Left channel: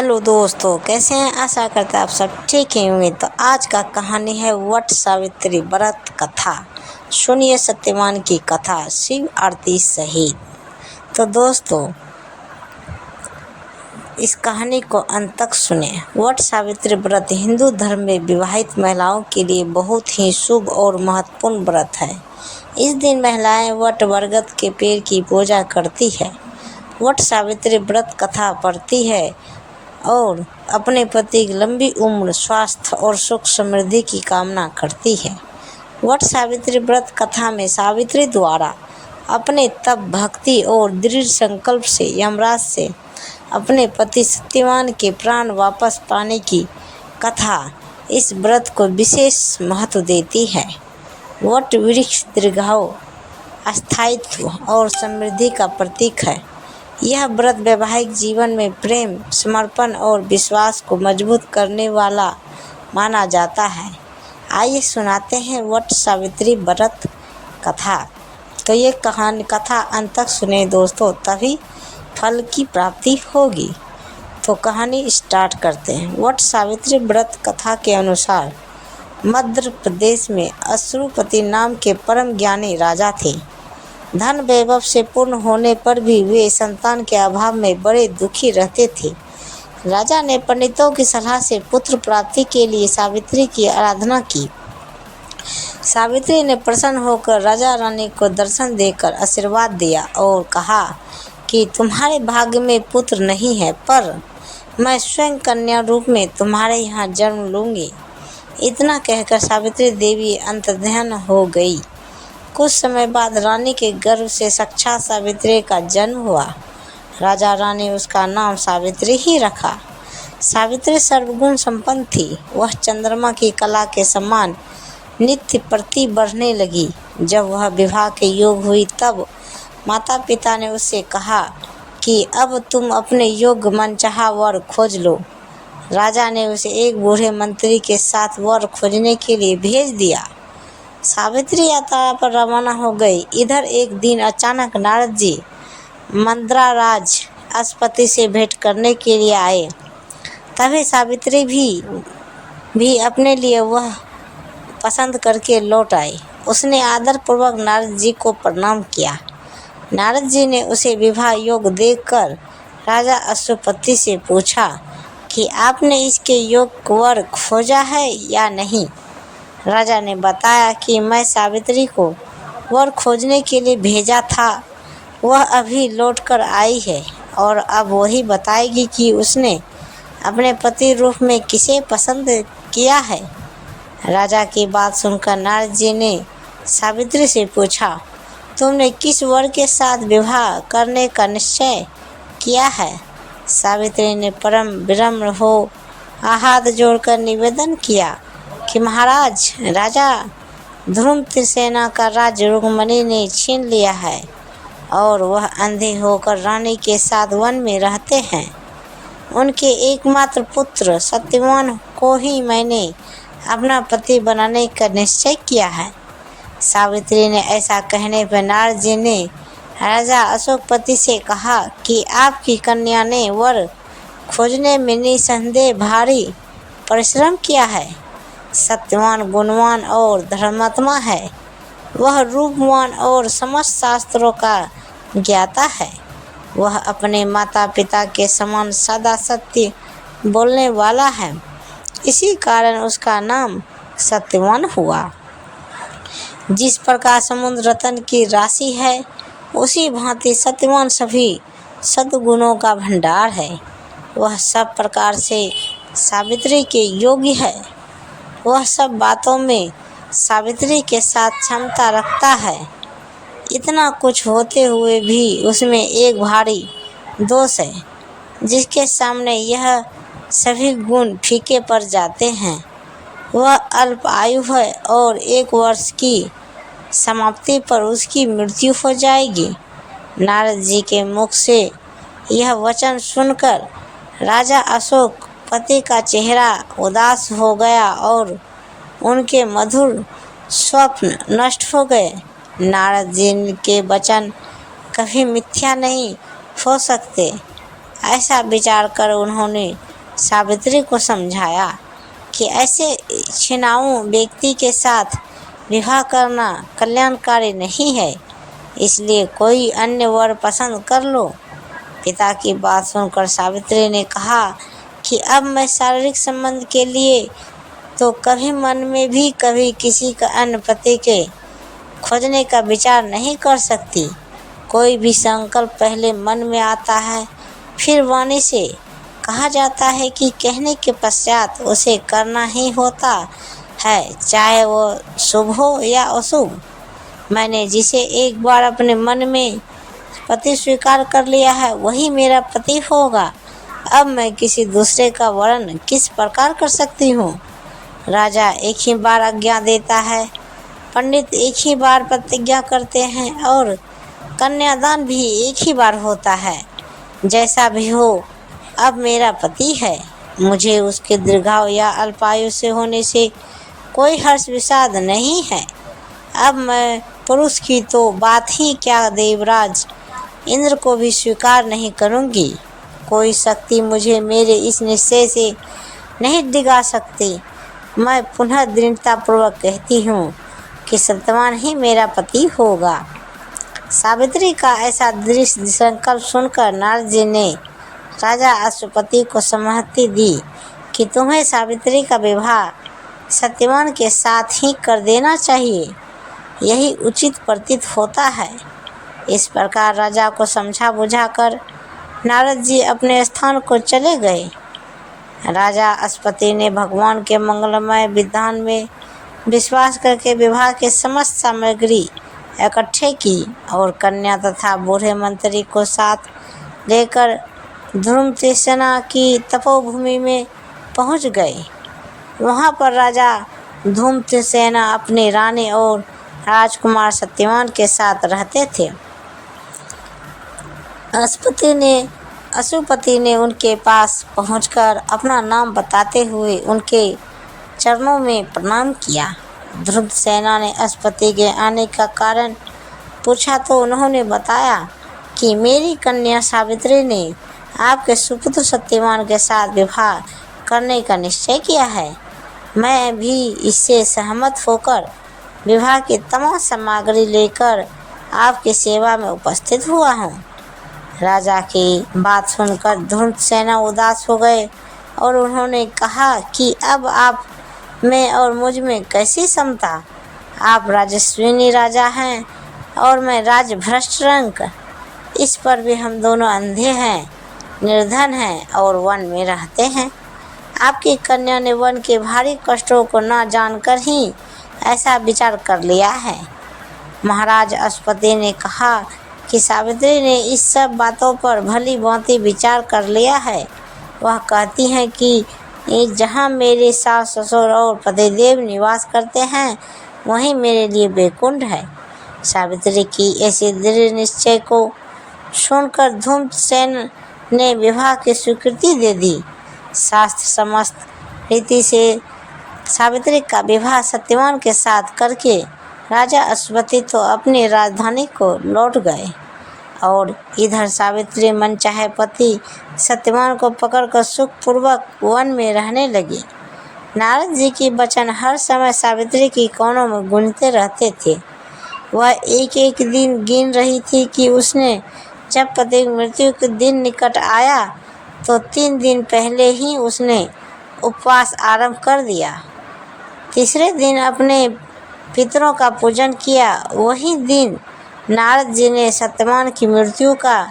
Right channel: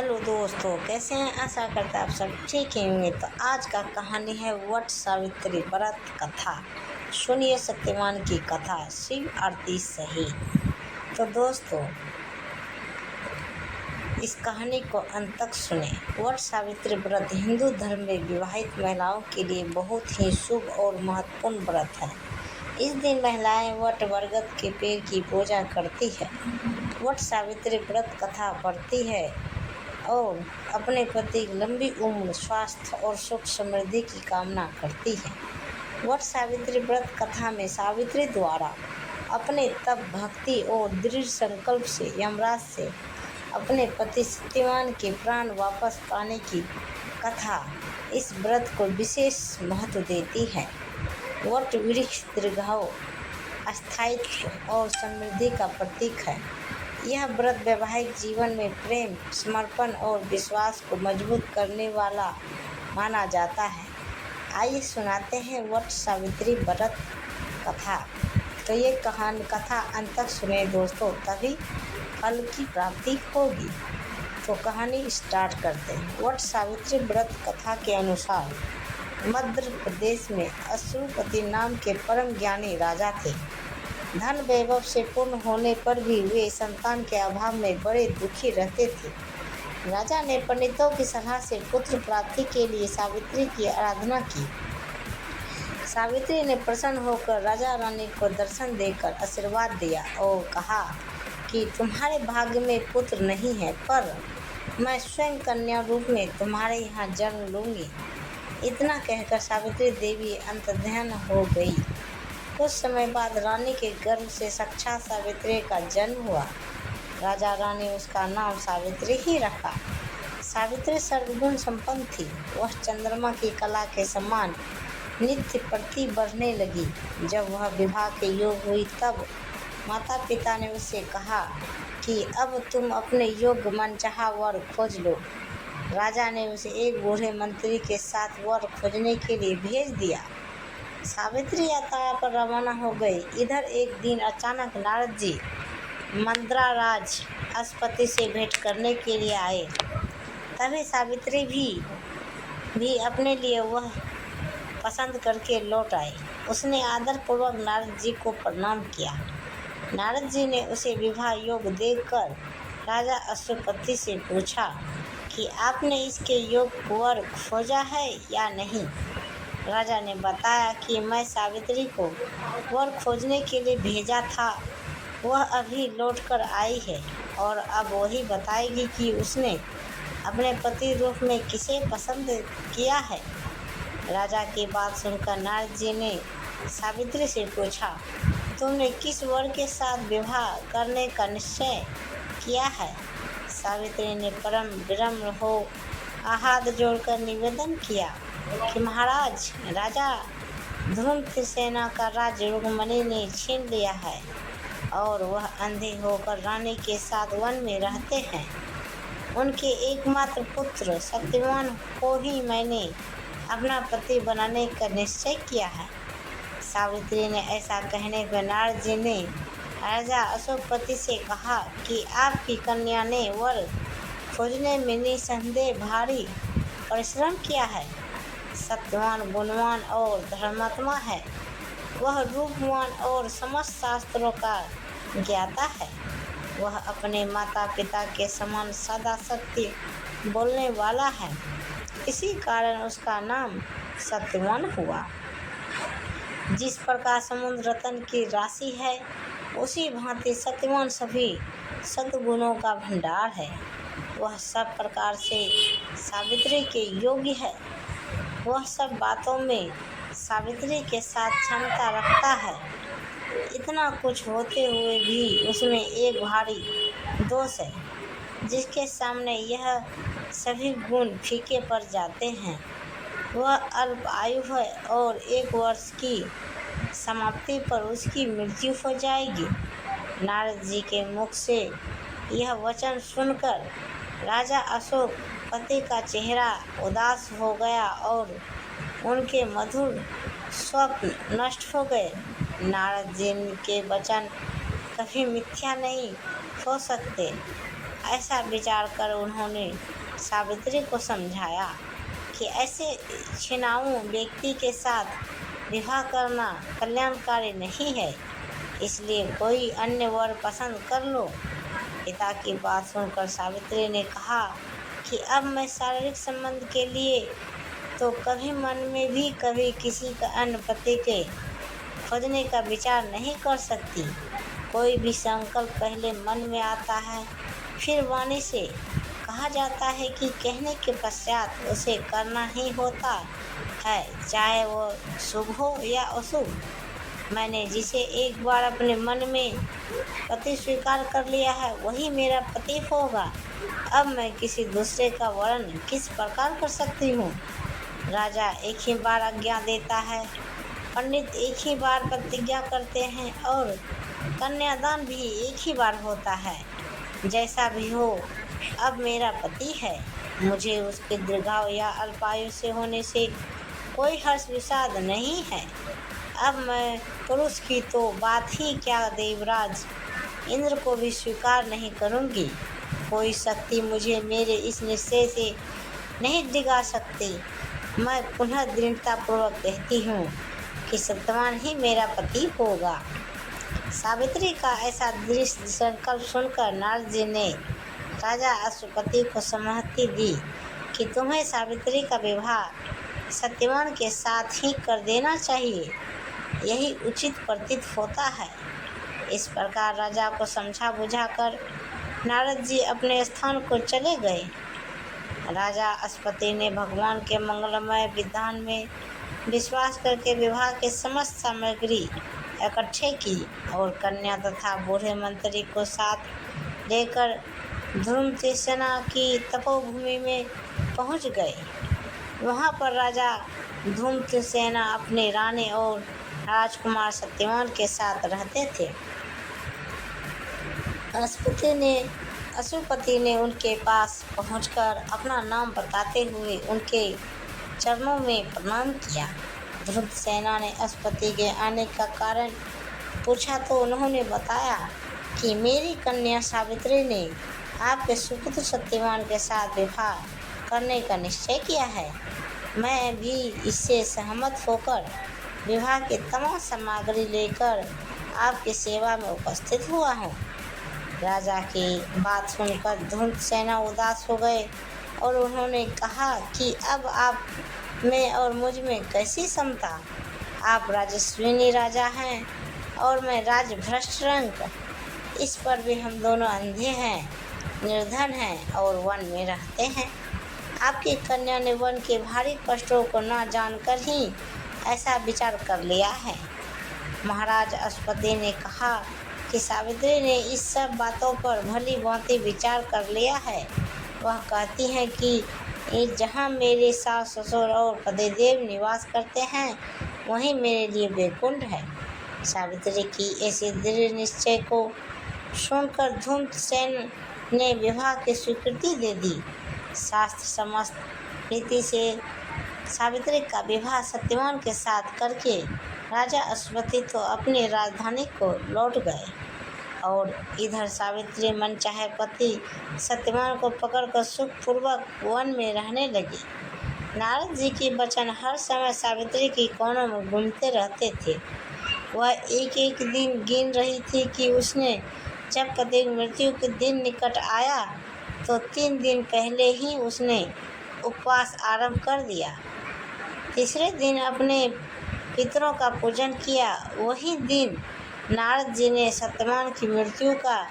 Hello दोस्तों, कैसे हैं? आशा करते हैं आप सब ठीक ही होंगे। तो आज का कहानी है वट सावित्री व्रत कथा। सुनिए सत्यवान की कथा शिव आरती सहित। तो दोस्तों, इस कहानी को अंत तक सुने। वट सावित्री व्रत हिंदू धर्म में विवाहित महिलाओं के लिए बहुत ही शुभ और महत्वपूर्ण व्रत है। इस दिन महिलाएं वट बरगद के पेड़ की पूजा करती है, वट सावित्री व्रत कथा पढ़ती है और अपने पति की लंबी उम्र, स्वास्थ्य और सुख समृद्धि की कामना करती है। वट सावित्री व्रत कथा में सावित्री द्वारा अपने तप, भक्ति और दृढ़ संकल्प से यमराज से अपने पति सत्यवान के प्राण वापस पाने की कथा इस व्रत को विशेष महत्व देती है। वट वृक्ष दीर्घायु, स्थायित्व और समृद्धि का प्रतीक है। यह व्रत वैवाहिक जीवन में प्रेम, समर्पण और विश्वास को मजबूत करने वाला माना जाता है। आइए सुनाते हैं वट सावित्री व्रत कथा। तो ये कथा अंत तक सुने दोस्तों, तभी फल की प्राप्ति होगी। तो कहानी स्टार्ट करते हैं। वट सावित्री व्रत कथा के अनुसार मध्य प्रदेश में अश्रुपति नाम के परम ज्ञानी राजा थे। धन वैभव से पूर्ण होने पर भी वे संतान के अभाव में बड़े दुखी रहते थे। राजा ने पंडितों की सलाह से पुत्र प्राप्ति के लिए सावित्री की आराधना की। सावित्री ने प्रसन्न होकर राजा रानी को दर्शन देकर आशीर्वाद दिया और कहा कि तुम्हारे भाग्य में पुत्र नहीं है, पर मैं स्वयं कन्या रूप में तुम्हारे यहाँ जन्म लूँगी। इतना कहकर सावित्री देवी अंतर्ध्यान हो गई। कुछ समय बाद रानी के गर्भ से साक्षात सावित्री का जन्म हुआ। राजा रानी उसका नाम सावित्री ही रखा। सावित्री सर्वगुण संपन्न थी। वह चंद्रमा की कला के समान नित्य प्रति बढ़ने लगी। जब वह विवाह के योग हुई तब माता पिता ने उससे कहा कि अब तुम अपने योग्य मनचाहा वर खोज लो। राजा ने उसे एक बूढ़े मंत्री के साथ वर खोजने के लिए भेज दिया। सावित्री यात्रा पर रवाना हो गई। इधर एक दिन अचानक नारद जी मंद्राराज अश्वपति से भेंट करने के लिए आए। तभी सावित्री भी अपने लिए वह पसंद करके लौट आई। उसने आदरपूर्वक नारद जी को प्रणाम किया। नारद जी ने उसे विवाह योग देखकर राजा अश्वपति से पूछा कि आपने इसके योग्य वर खोजा है या नहीं। राजा ने बताया कि मैं सावित्री को वर खोजने के लिए भेजा था, वह अभी लौटकर आई है और अब वही बताएगी कि उसने अपने पति रूप में किसे पसंद किया है। राजा की बात सुनकर नारद जी ने सावित्री से पूछा, तुमने किस वर के साथ विवाह करने का निश्चय किया है? सावित्री ने परम विनम्र हो हाथ जोड़कर निवेदन किया कि महाराज, राजा ध्रुमसेना का राज्य रुक्मिणी ने छीन लिया है और वह अंधे होकर रानी के साथ वन में रहते हैं। उनके एकमात्र पुत्र सत्यवान को ही मैंने अपना पति बनाने का निश्चय किया है। सावित्री ने ऐसा कहने पर नारद जी ने राजा अशोकपति से कहा कि आपकी कन्या ने वर खोजने में निसंदेह भारी परिश्रम किया है। सत्यवान गुणवान और धर्मात्मा है। वह रूपवान और समस्त शास्त्रों का ज्ञाता है। वह अपने माता पिता के समान सदा सत्य बोलने वाला है। इसी कारण उसका नाम सत्यवान हुआ। जिस प्रकार समुद्र रत्न की राशि है, उसी भांति सत्यवान सभी सद्गुणों का भंडार है। वह सब प्रकार से सावित्री के योग्य है। वह सब बातों में सावित्री के साथ क्षमता रखता है। इतना कुछ होते हुए भी उसमें एक भारी दोष है, जिसके सामने यह सभी गुण फीके पड़ जाते हैं। वह अल्प आयु है और 1 वर्ष की समाप्ति पर उसकी मृत्यु हो जाएगी। नारद जी के मुख से यह वचन सुनकर राजा अशोक पति का चेहरा उदास हो गया और उनके मधुर स्वप्न नष्ट हो गए। नारद जी के वचन कभी मिथ्या नहीं हो सकते। ऐसा विचार कर उन्होंने सावित्री को समझाया कि ऐसे छिनाऊ व्यक्ति के साथ विवाह करना कल्याणकारी नहीं है, इसलिए कोई अन्य वर पसंद कर लो। पिता की बात सुनकर सावित्री ने कहा कि अब मैं शारीरिक संबंध के लिए तो कभी मन में भी कभी किसी का अन्य पति के खोजने का विचार नहीं कर सकती। कोई भी संकल्प पहले मन में आता है, फिर वाणी से कहा जाता है कि कहने के पश्चात उसे करना ही होता है, चाहे वो शुभ हो या अशुभ। मैंने जिसे एक बार अपने मन में पति स्वीकार कर लिया है वही मेरा पति होगा। अब मैं किसी दूसरे का वर्ण किस प्रकार कर सकती हूँ। राजा एक ही बार आज्ञा देता है, पंडित एक ही बार प्रतिज्ञा करते हैं और कन्यादान भी एक ही बार होता है। जैसा भी हो, अब मेरा पति है। मुझे उसके दीर्घायु या अल्पायु से होने से कोई हर्ष विषाद नहीं है। अब मैं पुरुष की तो बात ही क्या, देवराज इंद्र को भी स्वीकार नहीं करूँगी। कोई शक्ति मुझे मेरे इस निश्चय से नहीं डिगा सकती। मैं पुनः दृढ़तापूर्वक कहती हूँ कि सत्यवान ही मेरा पति होगा। सावित्री का ऐसा दृढ़ संकल्प सुनकर नारद जी ने राजा अश्वपति को सहमति दी कि तुम्हें सावित्री का विवाह सत्यवान के साथ ही कर देना चाहिए, यही उचित प्रतीत होता है। इस प्रकार राजा को समझा बुझाकर नारद जी अपने स्थान को चले गए। राजा अश्वपति ने भगवान के मंगलमय विधान में विश्वास करके विवाह के समस्त सामग्री इकट्ठे की और कन्या तथा बूढ़े मंत्री को साथ लेकर धूम्रसेना की तपोभूमि में पहुंच गए। वहां पर राजा धूम्रसेना अपनी रानी और राजकुमार सत्यवान के साथ रहते थे। अश्वपति ने उनके पास पहुंचकर अपना नाम बताते हुए उनके चरणों में प्रणाम किया। धूम्रसेना ने अश्वपति के आने का कारण पूछा तो उन्होंने बताया कि मेरी कन्या सावित्री ने आपके सुपुत्र सत्यवान के साथ विवाह करने का निश्चय किया है। मैं भी इससे सहमत होकर विवाह की तमाम सामग्री लेकर आपकी सेवा में उपस्थित हुआ हूँ। राजा की बात सुनकर धूम्रसेना उदास हो गए और उन्होंने कहा कि अब आप में और मुझ में कैसी समता। आप राजस्विनी राजा हैं और मैं राजभ्रष्ट रंक। इस पर भी हम दोनों अंधे हैं, निर्धन हैं और वन में रहते हैं। आपकी कन्या ने वन के भारी कष्टों को न जानकर ही ऐसा विचार कर लिया है। महाराज अश्वपति ने कहा कि सावित्री ने इस सब बातों पर भली भांति विचार कर लिया है। वह कहती हैं कि जहाँ मेरे सास ससुर और पतिदेव निवास करते हैं वहीं मेरे लिए वैकुंठ है। सावित्री की ऐसे दृढ़ निश्चय को सुनकर धूम्रसेन ने विवाह की स्वीकृति दे दी। शास्त्र समस्त रीति से सावित्री का विवाह सत्यवान के साथ करके राजा अश्वपति तो अपनी राजधानी को लौट गए और इधर सावित्री मनचाहे पति सत्यवान को पकड़कर सुखपूर्वक वन में रहने लगी। नारद जी के वचन हर समय सावित्री की कानों में गूंजते रहते थे। वह एक एक दिन गिन रही थी कि उसने जब पति मृत्यु के दिन निकट आया तो 3 दिन पहले ही उसने उपवास आरंभ कर दिया। तीसरे दिन अपने पितरों का पूजन किया। वही दिन नारद जी ने सत्यवान की मृत्यु का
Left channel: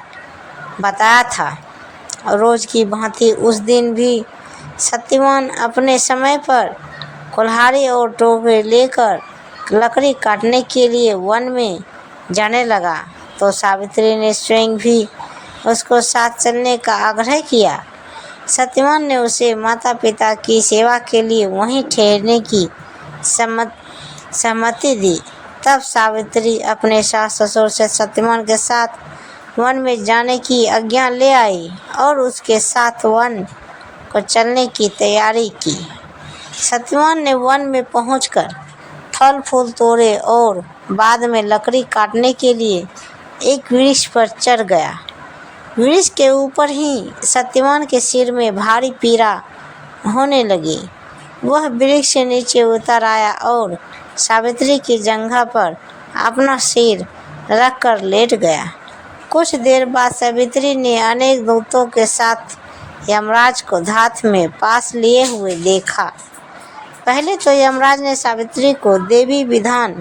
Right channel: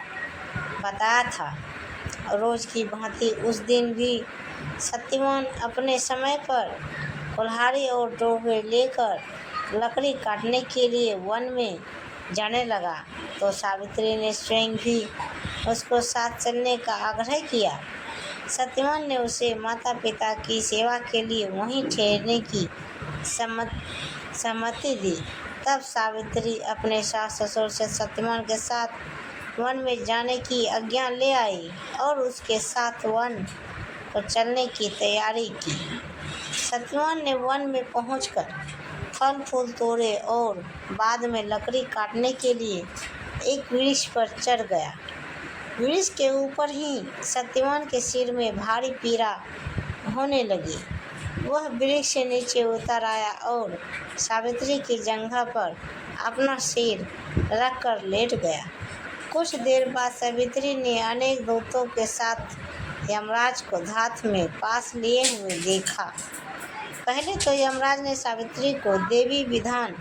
बताया था। रोज की भांति उस दिन भी सत्यवान अपने समय पर कुल्हाड़ी और टोकरी लेकर लकड़ी काटने के लिए वन में जाने लगा तो सावित्री ने स्वयं भी उसको साथ चलने का आग्रह किया। सत्यवान ने उसे माता पिता की सेवा के लिए वहीं ठहरने की सहमति दी। तब सावित्री अपने सास ससुर से सत्यवान के साथ वन में जाने की आज्ञा ले आई और उसके साथ वन को चलने की तैयारी की। सत्यवान ने वन में पहुंचकर फल फूल तोड़े और बाद में लकड़ी काटने के लिए एक वृक्ष पर चढ़ गया। वृक्ष के ऊपर ही सत्यवान के सिर में भारी पीड़ा होने लगी। वह वृक्ष से नीचे उतर आया और सावित्री की जंघा पर अपना सिर रखकर लेट गया। कुछ देर बाद सावित्री ने अनेक दूतों के साथ यमराज को धात में पास लिए हुए देखा। पहले तो यमराज ने सावित्री को देवी विधान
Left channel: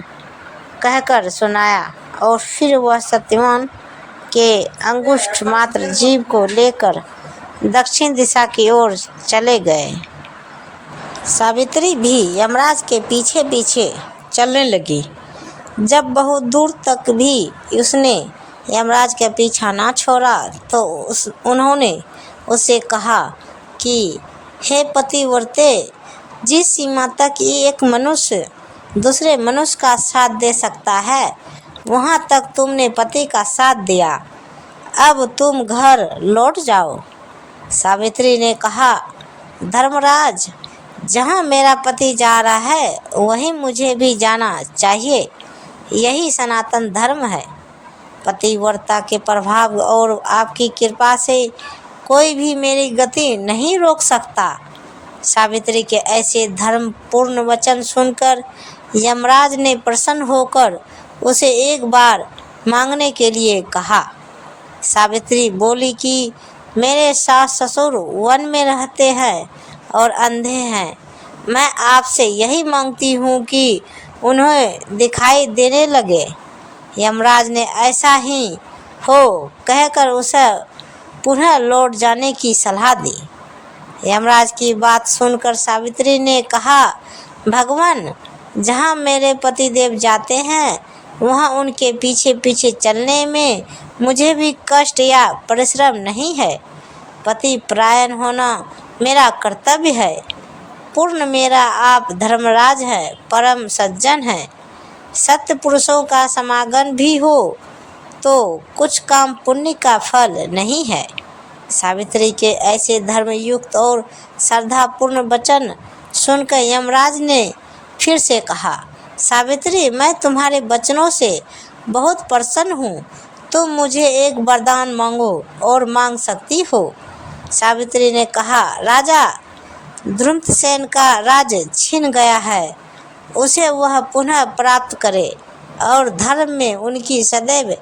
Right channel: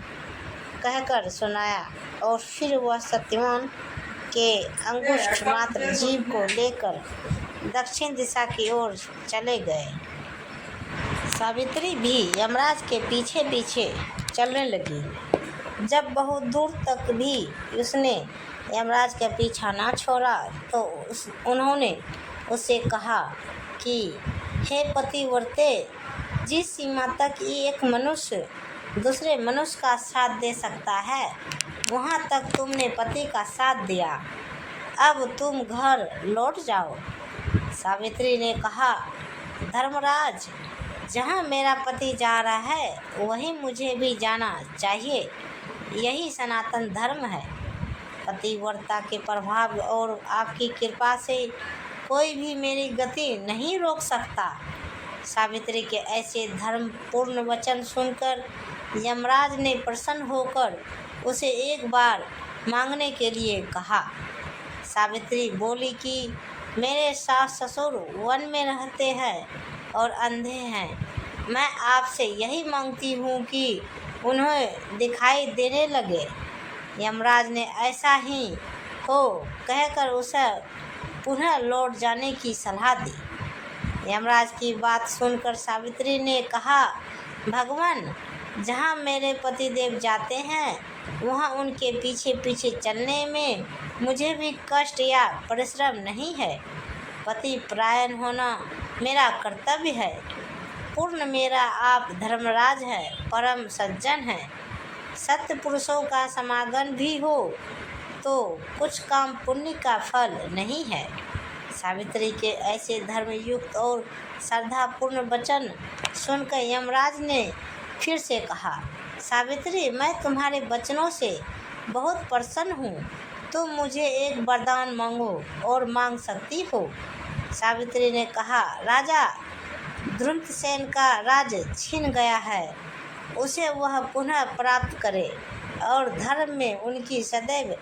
कहकर सुनाया और फिर वह सत्यवान के अंगुष्ठ मात्र जीभ को लेकर दक्षिण दिशा की ओर चले गए। सावित्री भी यमराज के पीछे पीछे चलने लगी। जब बहुत दूर तक भी उसने यमराज का पीछा ना छोड़ा तो उन्होंने उससे कहा कि हे पतिव्रते, जिस सीमा तक एक मनुष्य दूसरे मनुष्य का साथ दे सकता है वहाँ तक तुमने पति का साथ दिया। अब तुम घर लौट जाओ। सावित्री ने कहा, धर्मराज, जहाँ मेरा पति जा रहा है वहीं मुझे भी जाना चाहिए। यही सनातन धर्म है। पतिव्रता के प्रभाव और आपकी कृपा से कोई भी मेरी गति नहीं रोक सकता। सावित्री के ऐसे धर्मपूर्ण वचन सुनकर यमराज ने प्रसन्न होकर उसे एक बार मांगने के लिए कहा। सावित्री बोली कि मेरे सास ससुर वन में रहते हैं और अंधे हैं। मैं आपसे यही मांगती हूँ कि उन्हें दिखाई देने लगे। यमराज ने ऐसा ही हो कहकर उसे पुनः लौट जाने की सलाह दी। यमराज की बात सुनकर सावित्री ने कहा, भगवान, जहाँ मेरे पतिदेव जाते हैं वहाँ उनके पीछे पीछे चलने में मुझे भी कष्ट या परिश्रम नहीं है। पति परायण होना मेरा कर्तव्य है। पूर्ण मेरा आप धर्मराज है, परम सज्जन है। सत्य पुरुषों का समागम भी हो तो कुछ काम पुण्य का फल नहीं है। सावित्री के ऐसे धर्मयुक्त और श्रद्धापूर्ण वचन सुनकर यमराज ने फिर से कहा, सावित्री, मैं तुम्हारे वचनों से बहुत प्रसन्न हूँ। तुम मुझे एक वरदान मांगो और मांग सकती हो। सावित्री ने कहा, राजा द्रुमसेन का राज छिन गया है, उसे वह पुनः प्राप्त करे और धर्म में उनकी सदैव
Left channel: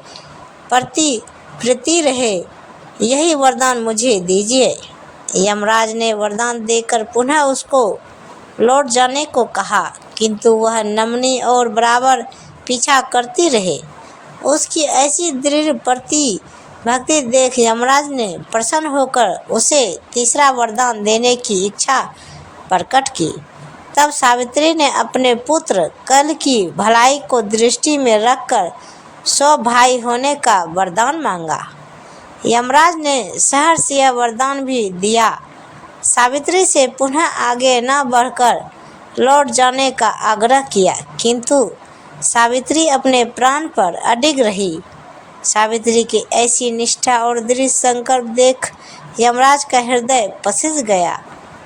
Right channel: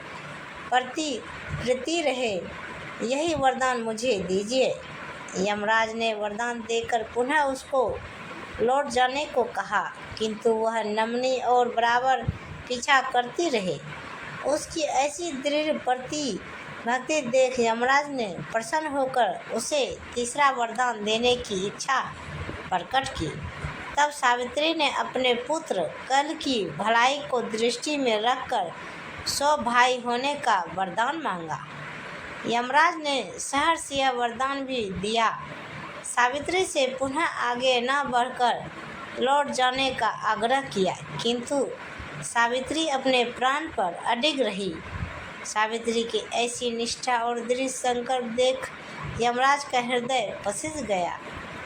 प्रीति रहे, यही वरदान मुझे दीजिए। यमराज ने वरदान देकर पुनः उसको लौट जाने को कहा, किंतु वह नमनी और बराबर पीछा करती रहे। उसकी ऐसी दृढ़ भक्ति देख यमराज ने प्रसन्न होकर उसे तीसरा वरदान देने की इच्छा प्रकट की। तब सावित्री ने अपने पुत्र कल की भलाई को दृष्टि में रखकर 100 भाई होने का वरदान मांगा। यमराज ने सहर्ष यह वरदान भी दिया। सावित्री से पुनः आगे न बढ़कर लौट जाने का आग्रह किया, किंतु सावित्री अपने प्राण पर अडिग रही। सावित्री की ऐसी निष्ठा और दृढ़ संकल्प देख यमराज का हृदय पसिज गया।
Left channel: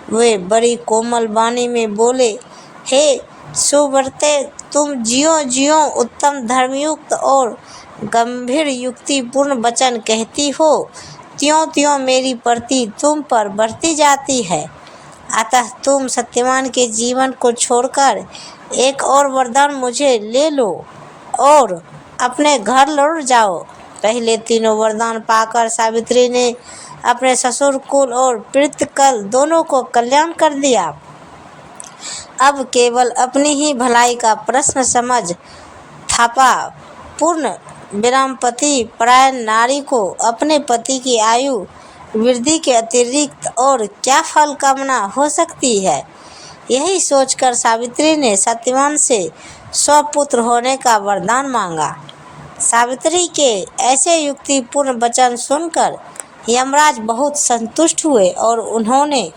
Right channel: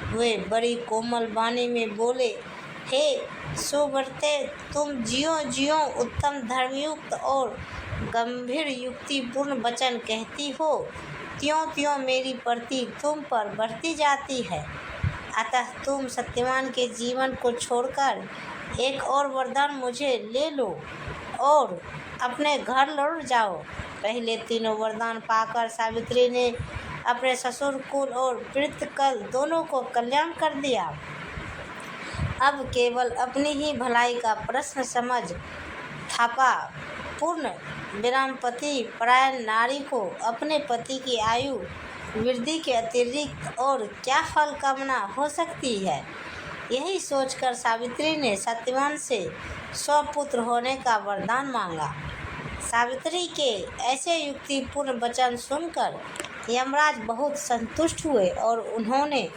वे बड़ी कोमल वाणी में बोले, हे सुव्रते, तुम ज्यों उत्तम धर्मयुक्त और गंभीर युक्तिपूर्ण वचन कहती हो, त्यों मेरी प्रति तुम पर बढ़ती जाती है। अतः तुम सत्यवान के जीवन को छोड़कर एक और वरदान मुझे ले लो और अपने घर लौट जाओ। पहले तीनों वरदान पाकर सावित्री ने अपने ससुर कुल और पितृकल दोनों को कल्याण कर दिया। अब केवल अपनी ही भलाई का प्रश्न समझ थापा पूर्ण विरामपति परायण नारी को अपने पति की आयु वृद्धि के अतिरिक्त और क्या फल कामना हो सकती है। यही सोचकर सावित्री ने सत्यवान से स्वपुत्र होने का वरदान मांगा। सावित्री के ऐसे युक्तिपूर्ण वचन सुनकर यमराज बहुत संतुष्ट हुए और उन्होंने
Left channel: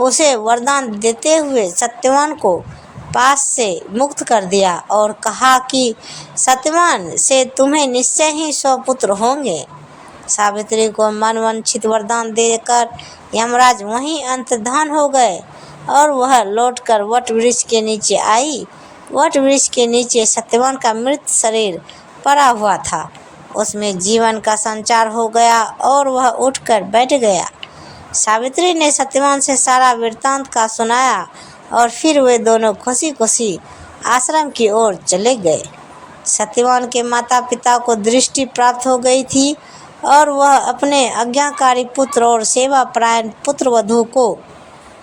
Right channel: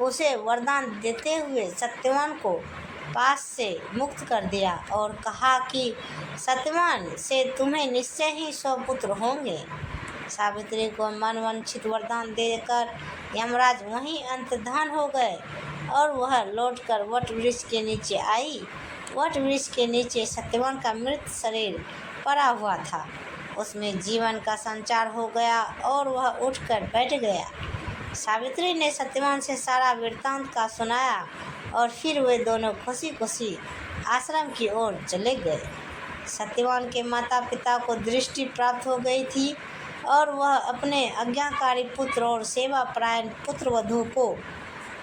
उसे वरदान देते हुए सत्यवान को पास से मुक्त कर दिया और कहा कि सत्यवान से तुम्हें निश्चय ही 100 पुत्र होंगे। सावित्री को मनवांछित वरदान देकर यमराज वहीं अंतर्धान हो गए और वह लौटकर वट वृक्ष के नीचे आई। वट वृक्ष के नीचे सत्यवान का मृत शरीर पड़ा हुआ था। उसमें जीवन का संचार हो गया और वह उठकर बैठ गया। सावित्री ने सत्यवान से सारा वृत्तांत का सुनाया और फिर वे दोनों खुशी खुशी आश्रम की ओर चले गए। सत्यवान के माता पिता को दृष्टि प्राप्त हो गई थी और वह अपने आज्ञाकारी पुत्र और सेवापरायण पुत्रवधू को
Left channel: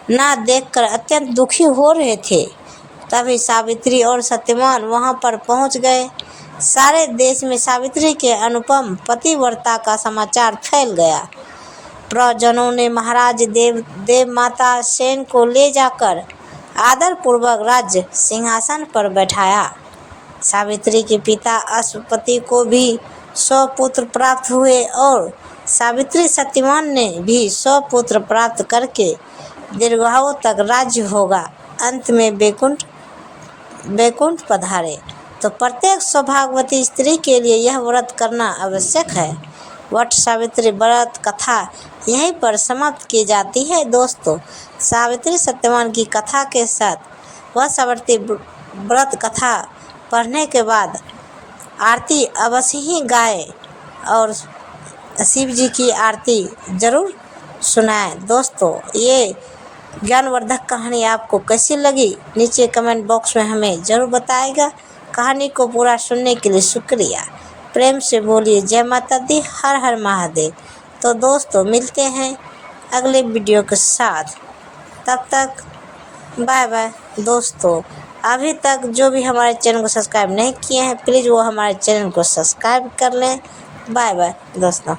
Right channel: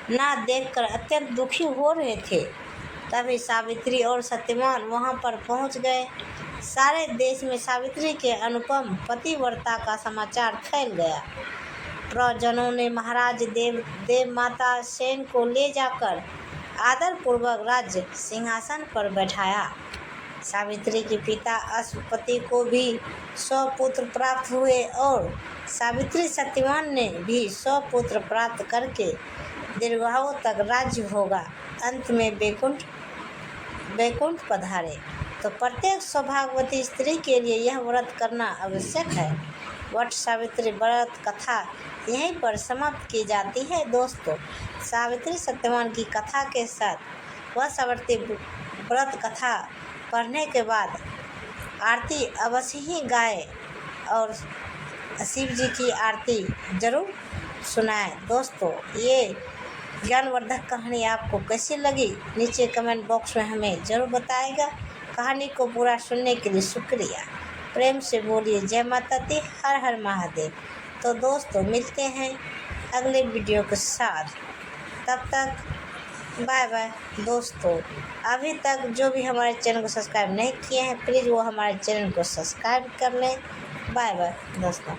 ना देखकर अत्यंत दुखी हो रहे थे। तभी सावित्री और सत्यवान वहां पर पहुंच गए। सारे देश में सावित्री के अनुपम पतिव्रता का समाचार फैल गया। प्रजनों ने महाराज देव माता सेन को ले जाकर आदरपूर्वक राज्य सिंहासन पर बैठाया। सावित्री के पिता अश्वपति को भी 100 पुत्र प्राप्त हुए और सावित्री सत्यवान ने भी 100 पुत्र प्राप्त करके दीर्घायु तक राज्य होगा। अंत में वैकुंठ पधारे। तो प्रत्येक सौभाग्यवती स्त्री के लिए यह व्रत करना आवश्यक है। वट सावित्री व्रत कथा यहीं पर समाप्त की जाती है। दोस्तों, सावित्री सत्यवान की कथा के साथ वट सावित्री व्रत कथा पढ़ने के बाद आरती अवश्य ही गाएं और शिव जी की आरती ज़रूर सुनाएं। दोस्तों, ये ज्ञानवर्धक कहानी आपको कैसी लगी नीचे कमेंट बॉक्स में हमें ज़रूर बताएगा। कहानी को पूरा सुनने के लिए शुक्रिया। प्रेम से बोलिए जय माता दी, हर हर महादेव। तो दोस्तों, मिलते हैं अगले वीडियो के साथ। तब तक बाय बाय। दोस्तों, अभी तक जो भी हमारे चैनल को सब्सक्राइब नहीं किए हैं, प्लीज़ वो हमारे चैनल को सब्सक्राइब कर लें। बाय बाय दोस्तों।